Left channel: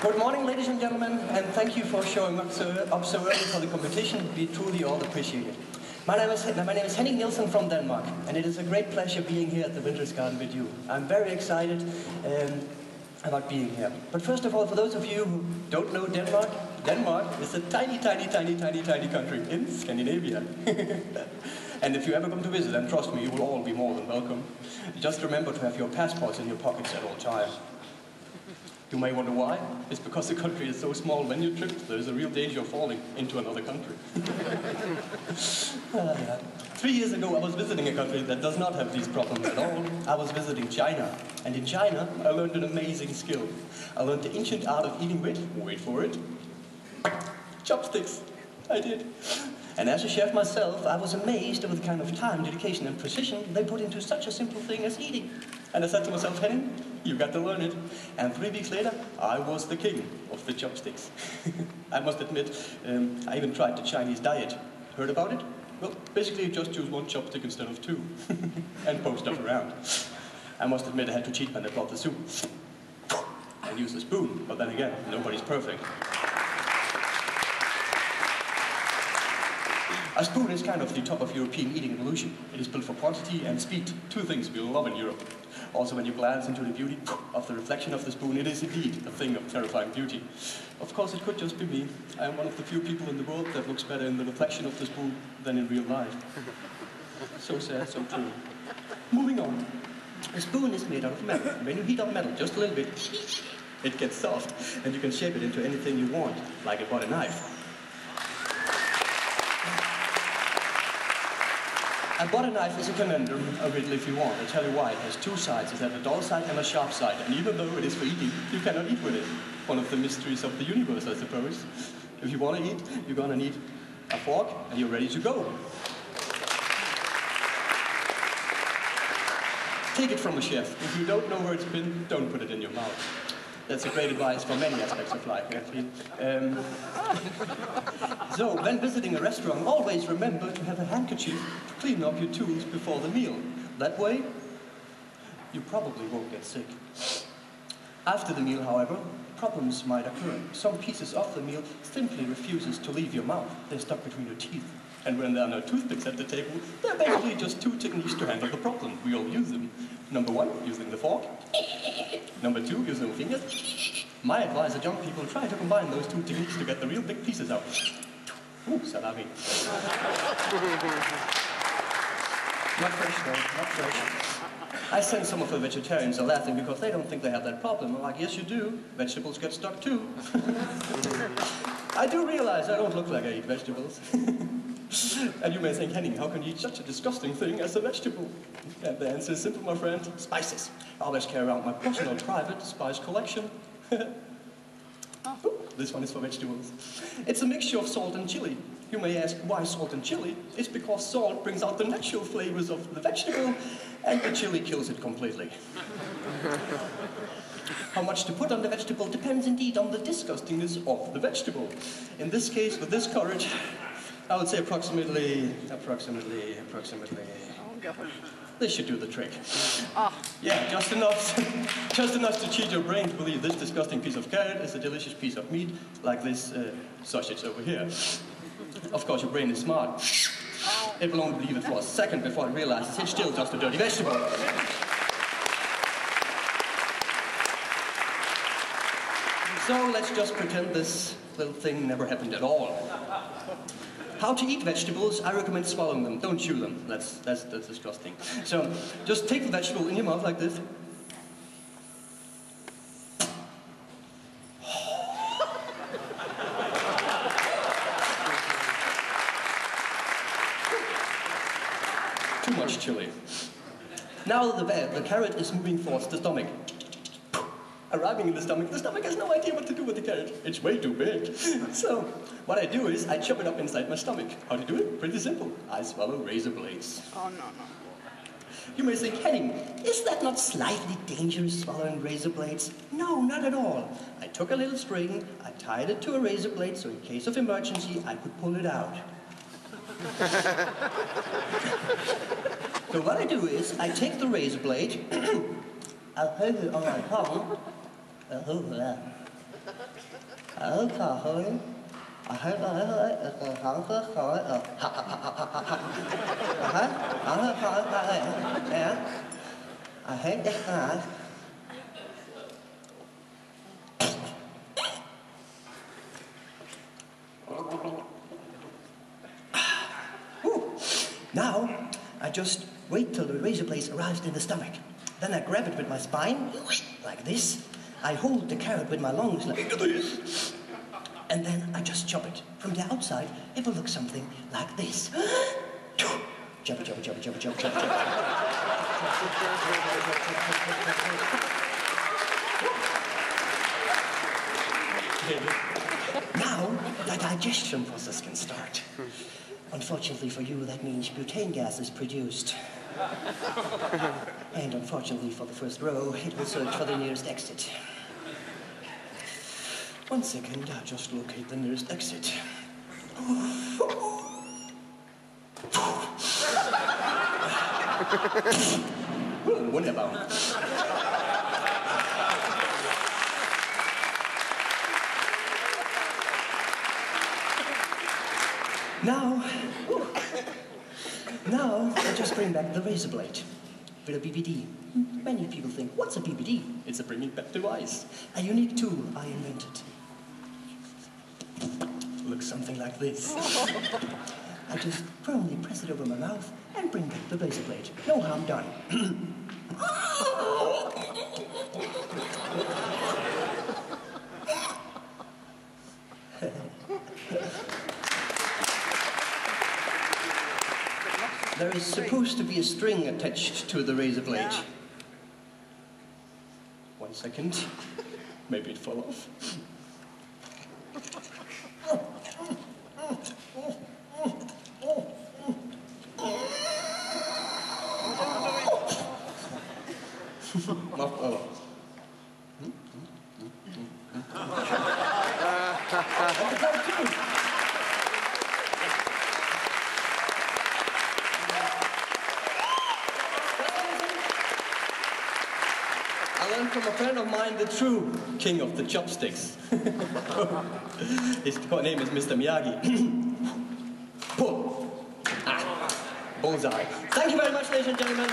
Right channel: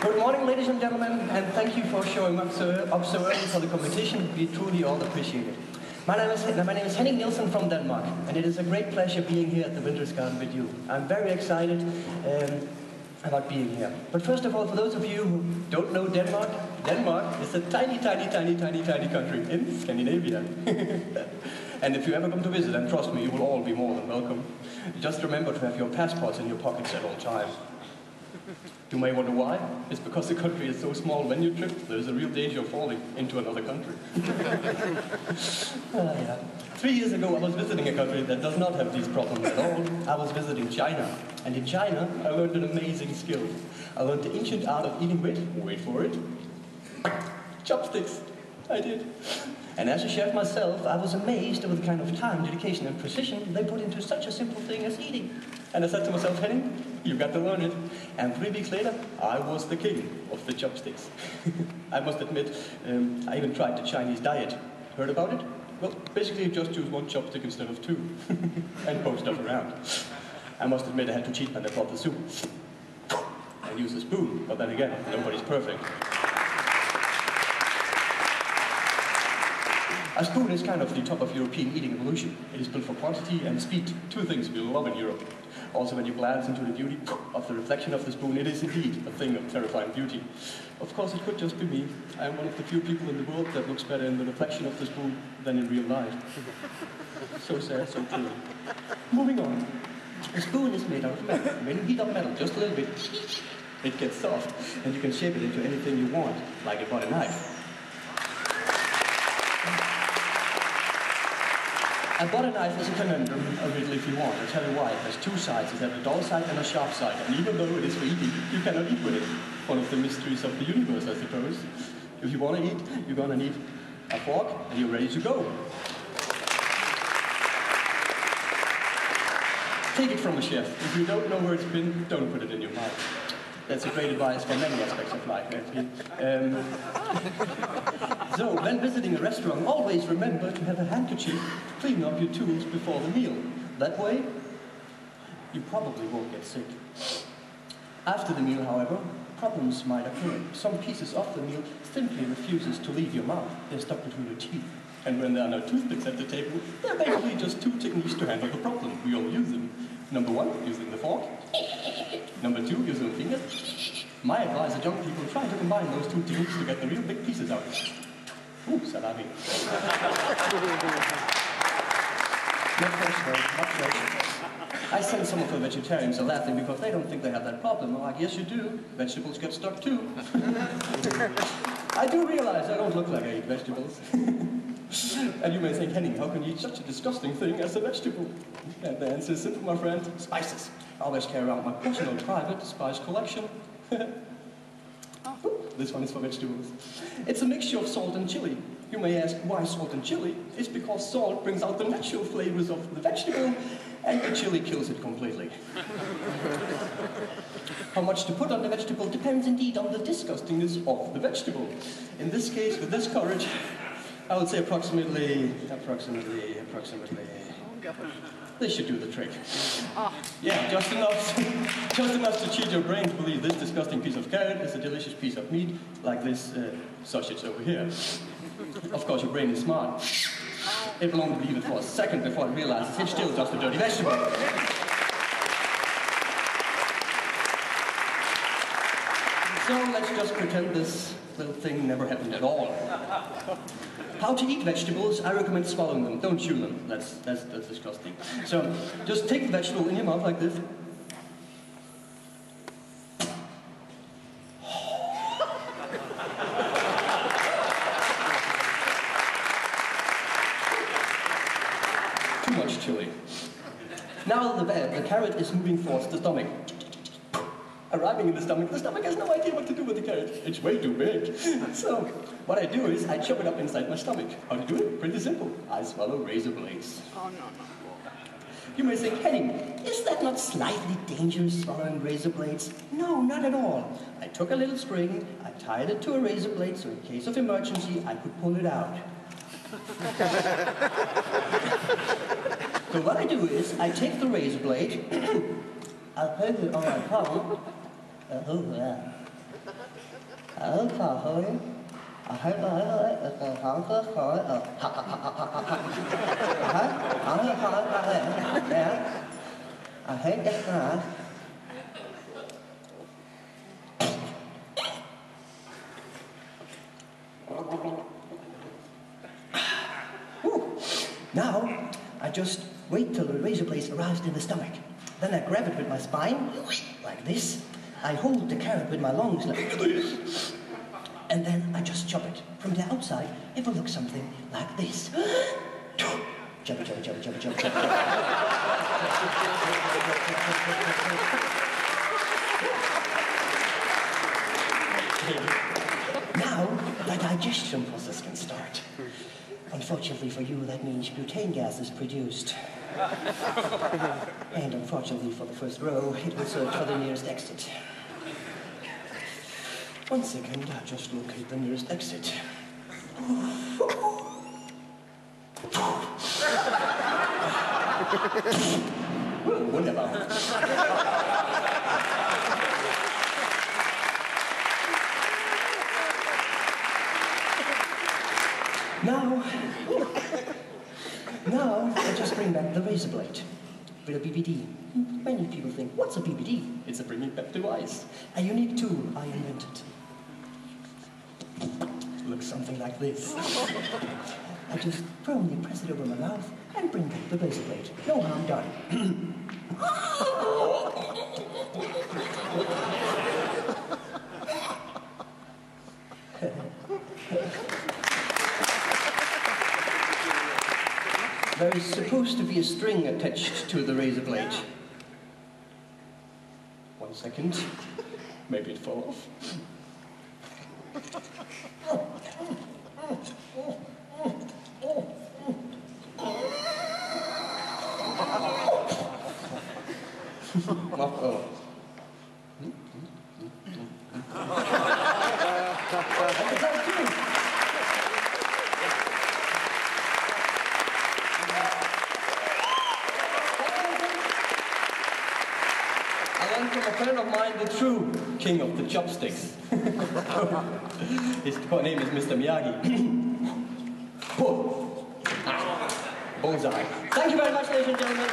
Good morning, ladies and gentlemen, and thank you for showing up so early for the competition. We truly all appreciate it. My name is Henning Nielsen from Denmark, and it is a great pleasure being here at the Vintersgarden with you. I'm very excited about being here. But first of all, for those of you who don't know Denmark, Denmark is a tiny country in Scandinavia. And if you ever come to visit, and trust me, you will all be more than welcome. Just remember to have your passports in your pockets at all times. You may wonder why. It's because the country is so small. When you trip, there's a real danger of falling into another country. 3 years ago, I was visiting a country that does not have these problems at all. I was visiting China. And in China, I learned an amazing skill. I learned the ancient art of eating with, wait for it, chopsticks. I did. And as a chef myself, I was amazed at the kind of time, dedication, and precision they put into such a simple thing as eating. And I said to myself, Henning, you got to learn it. And 3 weeks later, I was the king of the chopsticks. I must admit, I even tried the Chinese diet. Heard about it? Well, basically you just choose 1 chopstick instead of 2. And poke stuff around. I must admit I had to cheat when I brought the soup. I used a spoon, but then again, nobody's perfect. A spoon is kind of the top of European eating evolution. It is built for quantity and speed, 2 things we love in Europe. Also, when you glance into the beauty of the reflection of the spoon, it is indeed a thing of terrifying beauty. Of course, it could just be me. I am one of the few people in the world that looks better in the reflection of the spoon than in real life. So sad, so true. Moving on. A spoon is made out of metal. When you heat up metal just a little bit, it gets soft, and you can shape it into anything you want, like a butter knife. A butter knife is a conundrum, originally if you want. I'll tell you why. It has 2 sides. It has a dull side and a sharp side. And even though it is for eating, you cannot eat with it. One of the mysteries of the universe, I suppose. If you want to eat, you're going to need a fork, and you're ready to go. Take it from a chef. If you don't know where it's been, don't put it in your mouth. That's a great advice for many aspects of life, actually. So, when visiting a restaurant, always remember to have a handkerchief to clean up your tools before the meal. That way, you probably won't get sick. After the meal, however, problems might occur. Some pieces of the meal simply refuses to leave your mouth. They're stuck between your teeth. And when there are no toothpicks at the table, there are basically just 2 techniques to handle the problem. We all use them. Number 1, using the fork. Number 2, using the fingers. My advice to young people, try to combine those 2 techniques to get the real big pieces out. Ooh, salami. Not fresh though, not fresh. I sense some of the vegetarians are laughing because they don't think they have that problem. I'm like, yes you do. Vegetables get stuck too. I do realize I don't look like I eat vegetables. And you may think, Henning, how can you eat such a disgusting thing as a vegetable? And the answer is simple, my friend. Spices. I always carry around my personal private spice collection. This one is for vegetables. It's a mixture of salt and chili. You may ask, why salt and chili? It's because salt brings out the natural flavors of the vegetable, and the chili kills it completely. How much to put on the vegetable depends indeed on the disgustingness of the vegetable. In this case, with this courage, I would say approximately. This should do the trick. Yeah, just enough to cheat your brain to believe this disgusting piece of carrot is a delicious piece of meat, like this sausage over here. Of course, your brain is smart. It will only believe it for a second before it realizes it's still just a dirty vegetable. So let's just pretend this little thing never happened at all. How to eat vegetables? I recommend swallowing them. Don't chew them. That's disgusting. So just take the vegetable in your mouth like this. Too much chili. Now the carrot is moving towards the stomach. Arriving in the stomach has no idea what to do with the carrot. It's way too big. So, what I do is I chop it up inside my stomach. How to do it? Pretty simple. I swallow razor blades. Oh, no. You may think, hey, is that not slightly dangerous, swallowing razor blades? No, not at all. I took a little string, I tied it to a razor blade, so in case of emergency, I could pull it out. So what I do is, I take the razor blade, I'll hold it on my palm, Now, I just wait till the razor blade's aroused in the stomach. Then I grab it with my spine, like this. I hold the carrot with my lungs, like this. And then I just chop it. From the outside, it will look something like this. Chop, chop, chop, chop, chop, chop, chop. Now, the digestion process can start. Unfortunately for you, that means butane gas is produced. And unfortunately for the first row, it will search for the nearest exit. 1 second, I'll just locate the nearest exit. Wunderbar. Now, I just bring back the razor blade with a BBD. Many people think, what's a BBD? It's a bringing back device. A unique tool I invented. Looks something like this. I just firmly press it over my mouth and bring back the razor blade. No harm done. There is supposed to be a string attached to the razor blade. 1 second. Maybe it fell off. I learned from a friend of mine the true king of the chopsticks. His name is Mr. Miyagi. Bullseye. Thank you very much, ladies and gentlemen.